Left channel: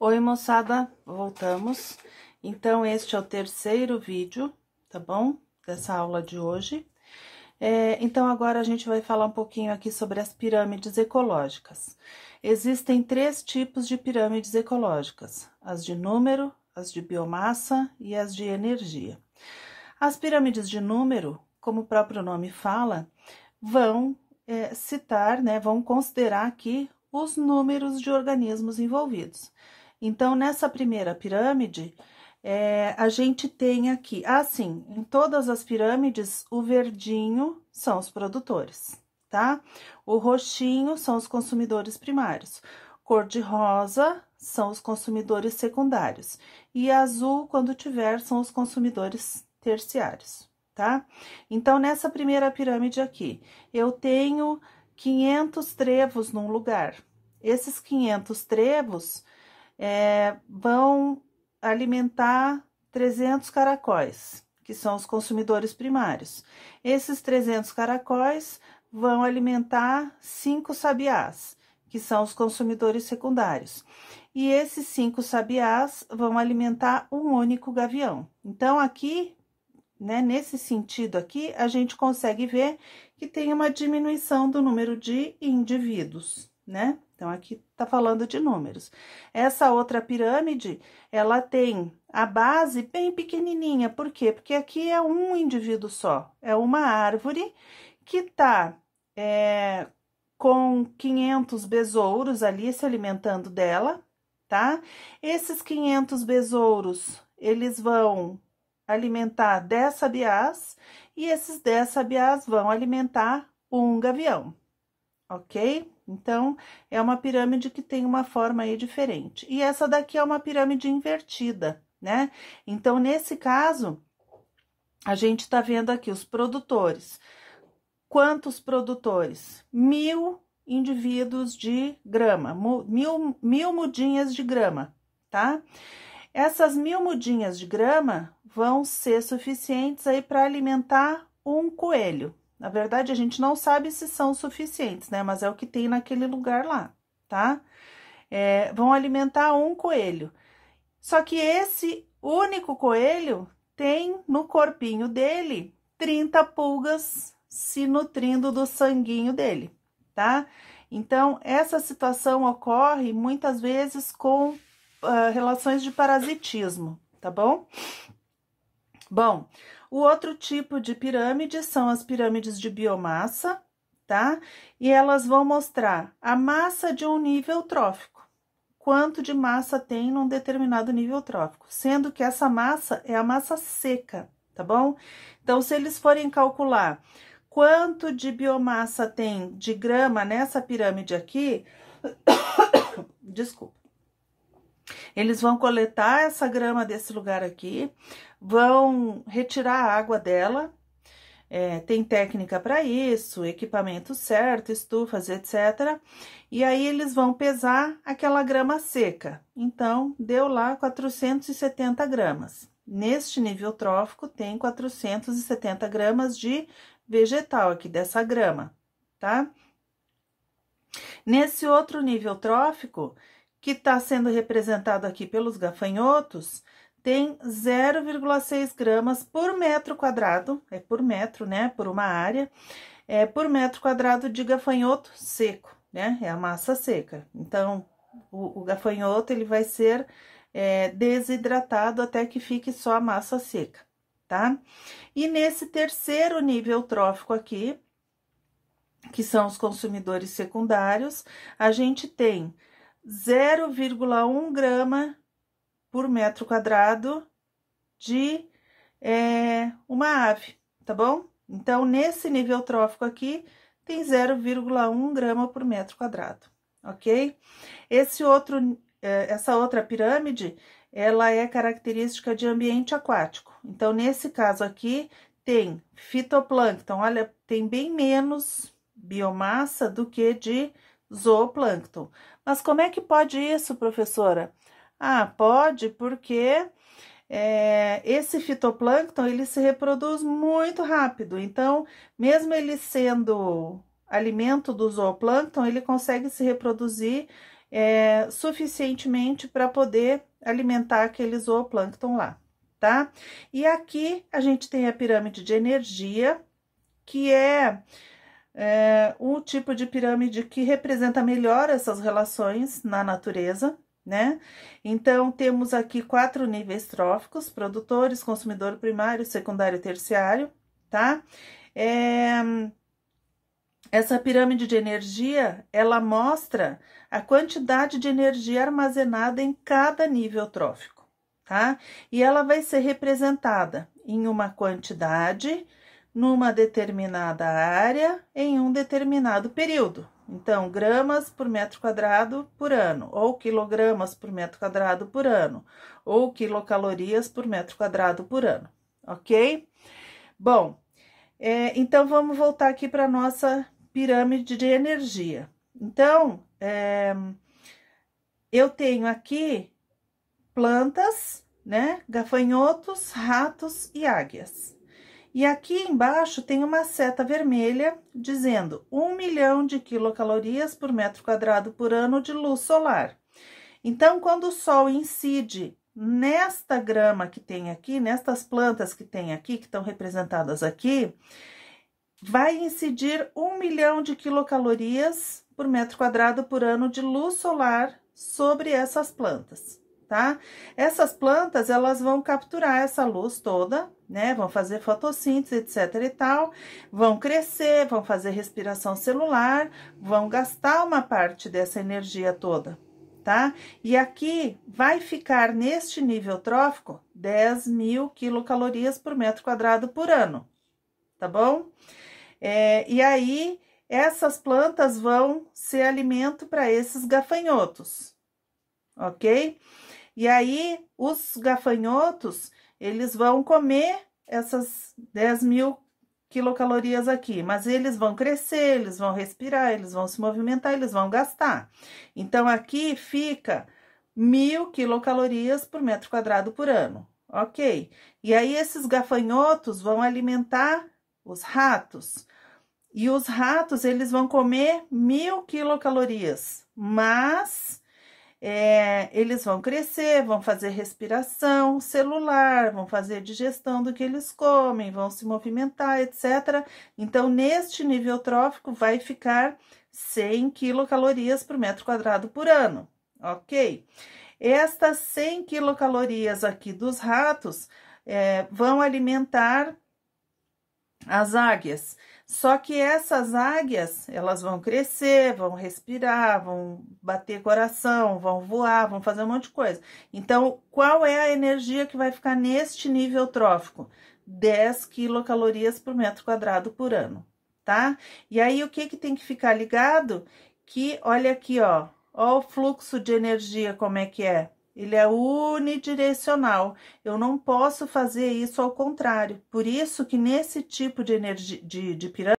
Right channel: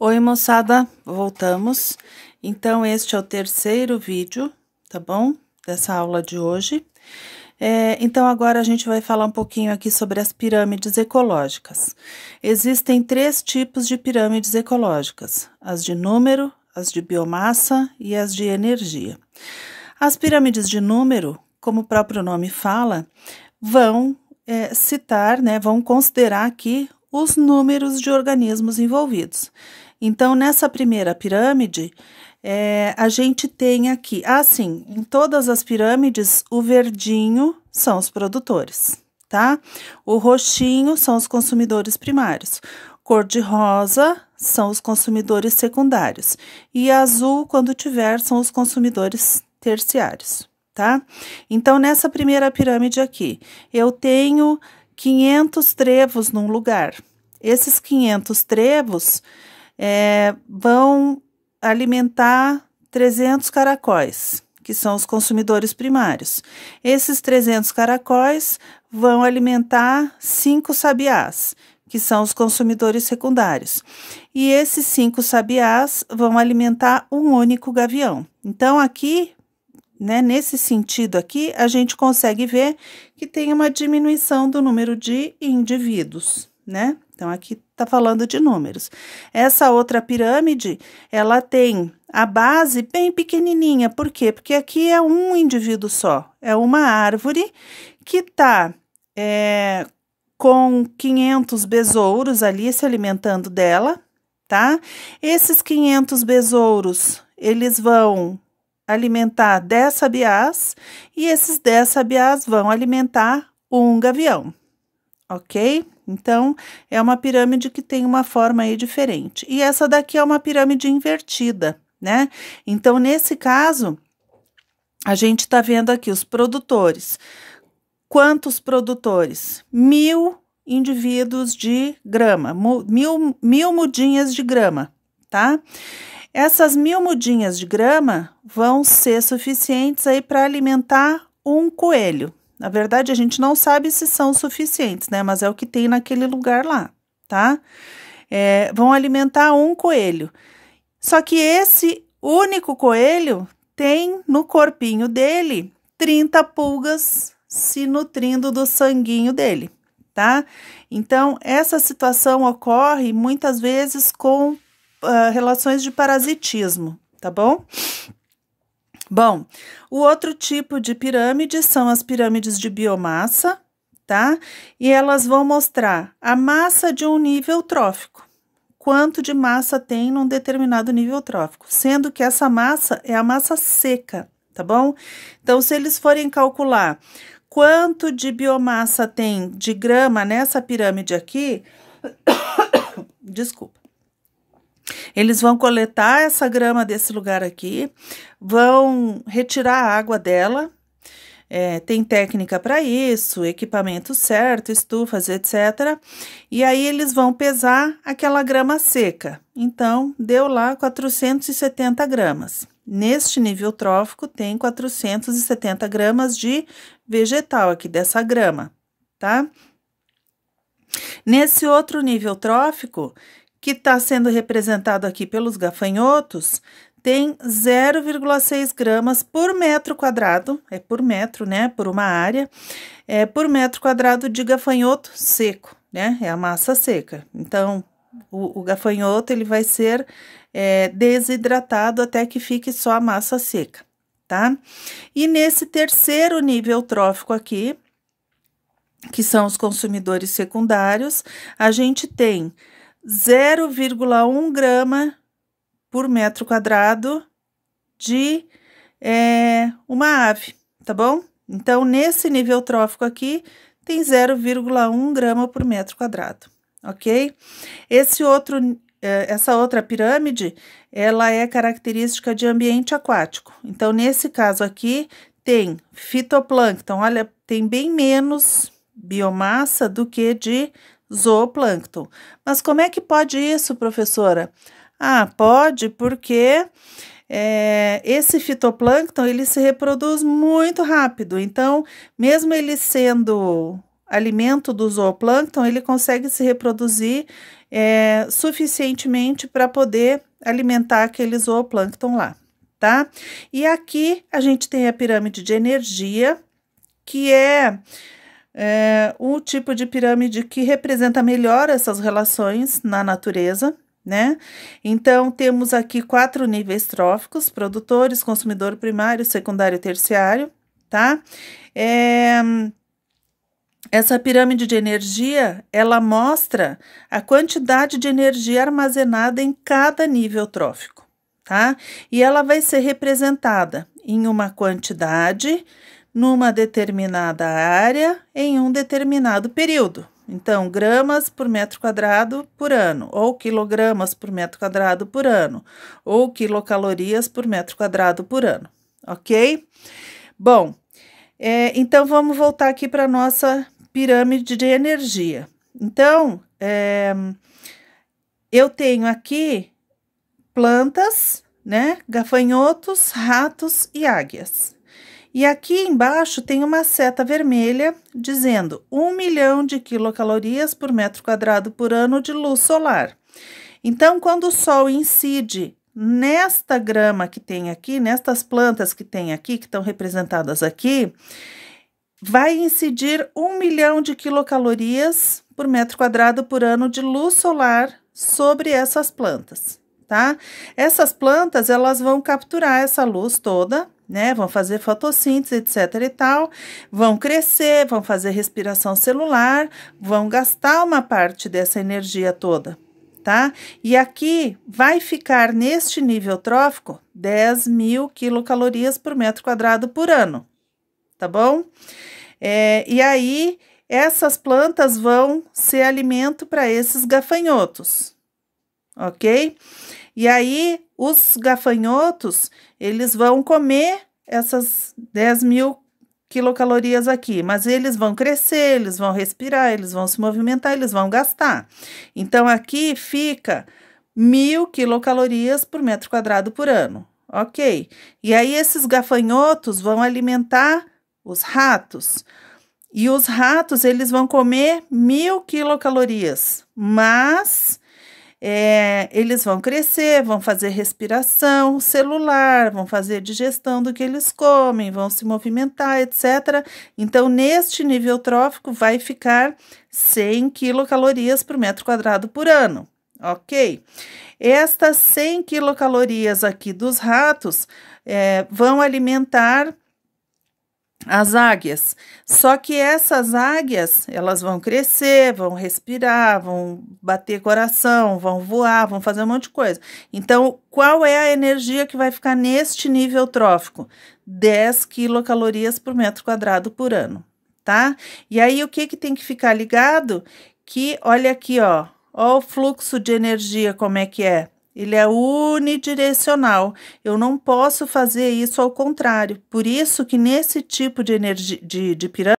Oi, moçada, voltamos. Então, este é o terceiro vídeo, tá bom? Dessa aula de hoje. Então, agora a gente vai falar um pouquinho aqui sobre as pirâmides ecológicas. Existem três tipos de pirâmides ecológicas: as de número, as de biomassa e as de energia. As pirâmides de número, como o próprio nome fala, vão citar, né, vão considerar aqui os números de organismos envolvidos. Então, nessa primeira pirâmide, a gente tem aqui, assim, em todas as pirâmides, o verdinho são os produtores, tá? O roxinho são os consumidores primários, cor-de-rosa são os consumidores secundários, e azul, quando tiver, são os consumidores terciários, tá? Então, nessa primeira pirâmide aqui, eu tenho 500 trevos num lugar. Esses 500 trevos vão alimentar 300 caracóis, que são os consumidores primários. Esses 300 caracóis vão alimentar 5 sabiás, que são os consumidores secundários. E esses 5 sabiás vão alimentar um único gavião. Então, aqui, né, nesse sentido aqui, a gente consegue ver que tem uma diminuição do número de indivíduos, né? Então, aqui tá falando de números. Essa outra pirâmide, ela tem a base bem pequenininha. Por quê? Porque aqui é um indivíduo só. É uma árvore que tá com 500 besouros ali se alimentando dela, tá? Esses 500 besouros, eles vão alimentar 10 sabiás e esses 10 sabiás vão alimentar um gavião, ok? Então, é uma pirâmide que tem uma forma aí diferente. E essa daqui é uma pirâmide invertida, né? Então, nesse caso, a gente tá vendo aqui os produtores. Quantos produtores? 1000 indivíduos de grama, mil mudinhas de grama, tá? Essas 1000 mudinhas de grama vão ser suficientes aí para alimentar um coelho. Na verdade, a gente não sabe se são suficientes, né? Mas é o que tem naquele lugar lá, tá? Vão alimentar um coelho. Só que esse único coelho tem no corpinho dele 30 pulgas se nutrindo do sanguinho dele, tá? Então, essa situação ocorre muitas vezes com relações de parasitismo, tá bom? Bom, o outro tipo de pirâmide são as pirâmides de biomassa, tá? E elas vão mostrar a massa de um nível trófico, quanto de massa tem num determinado nível trófico, sendo que essa massa é a massa seca, tá bom? Então, se eles forem calcular quanto de biomassa tem de grama nessa pirâmide aqui, desculpa. Eles vão coletar essa grama desse lugar aqui, vão retirar a água dela, tem técnica para isso, equipamento certo, estufas, etc. E aí eles vão pesar aquela grama seca. Então, deu lá 470 gramas. Neste nível trófico, tem 470 gramas de vegetal aqui, dessa grama, tá? Nesse outro nível trófico, que está sendo representado aqui pelos gafanhotos, tem 0,6 gramas por metro quadrado, é por metro, né, por uma área, por metro quadrado de gafanhoto seco, né, é a massa seca. Então, o gafanhoto, ele vai ser desidratado até que fique só a massa seca, tá? E nesse terceiro nível trófico aqui, que são os consumidores secundários, a gente tem 0,1 grama por metro quadrado de uma ave, tá bom? Então, nesse nível trófico aqui, tem 0,1 grama por metro quadrado, ok? Essa outra pirâmide, ela é característica de ambiente aquático. Então, nesse caso aqui, tem fitoplâncton, olha, tem bem menos biomassa do que de zooplâncton. Mas como é que pode isso, professora? Ah, pode porque esse fitoplâncton, ele se reproduz muito rápido. Então, mesmo ele sendo alimento do zooplâncton, ele consegue se reproduzir suficientemente para poder alimentar aquele zooplâncton lá, tá? E aqui a gente tem a pirâmide de energia, que é o tipo de pirâmide que representa melhor essas relações na natureza, né? Então, temos aqui 4 níveis tróficos: produtores, consumidor primário, secundário e terciário, tá? Essa pirâmide de energia, ela mostra a quantidade de energia armazenada em cada nível trófico, tá? E ela vai ser representada em uma quantidade, numa determinada área, em um determinado período. Então, gramas por metro quadrado por ano, ou quilogramas por metro quadrado por ano, ou quilocalorias por metro quadrado por ano, ok? Bom, então vamos voltar aqui para a nossa pirâmide de energia. Então, eu tenho aqui plantas, né, gafanhotos, ratos e águias. E aqui embaixo tem uma seta vermelha dizendo 1 milhão de quilocalorias por metro quadrado por ano de luz solar. Então, quando o sol incide nesta grama que tem aqui, nestas plantas que tem aqui, que estão representadas aqui, vai incidir 1 milhão de quilocalorias por metro quadrado por ano de luz solar sobre essas plantas, tá? Essas plantas, elas vão capturar essa luz toda, né? Vão fazer fotossíntese, etc e tal, vão crescer, vão fazer respiração celular, vão gastar uma parte dessa energia toda, tá? E aqui vai ficar neste nível trófico 10.000 quilocalorias por metro quadrado por ano, tá bom? E aí, essas plantas vão ser alimento para esses gafanhotos, ok? E aí, os gafanhotos, eles vão comer essas 10.000 quilocalorias aqui, mas eles vão crescer, eles vão respirar, eles vão se movimentar, eles vão gastar. Então, aqui fica 1.000 quilocalorias por metro quadrado por ano, ok? E aí, esses gafanhotos vão alimentar os ratos, e os ratos, eles vão comer 1.000 quilocalorias, mas eles vão crescer, vão fazer respiração celular, vão fazer digestão do que eles comem, vão se movimentar, etc. Então, neste nível trófico, vai ficar 100 quilocalorias por metro quadrado por ano, ok? Estas 100 quilocalorias aqui dos ratos vão alimentar as águias, só que essas águias, elas vão crescer, vão respirar, vão bater coração, vão voar, vão fazer um monte de coisa. Então, qual é a energia que vai ficar neste nível trófico? 10 quilocalorias por metro quadrado por ano, tá? E aí, o que tem que ficar ligado? Que, olha aqui, ó o fluxo de energia, como é que é? Ele é unidirecional. Eu não posso fazer isso ao contrário. Por isso que nesse tipo de energia, de pirâmide,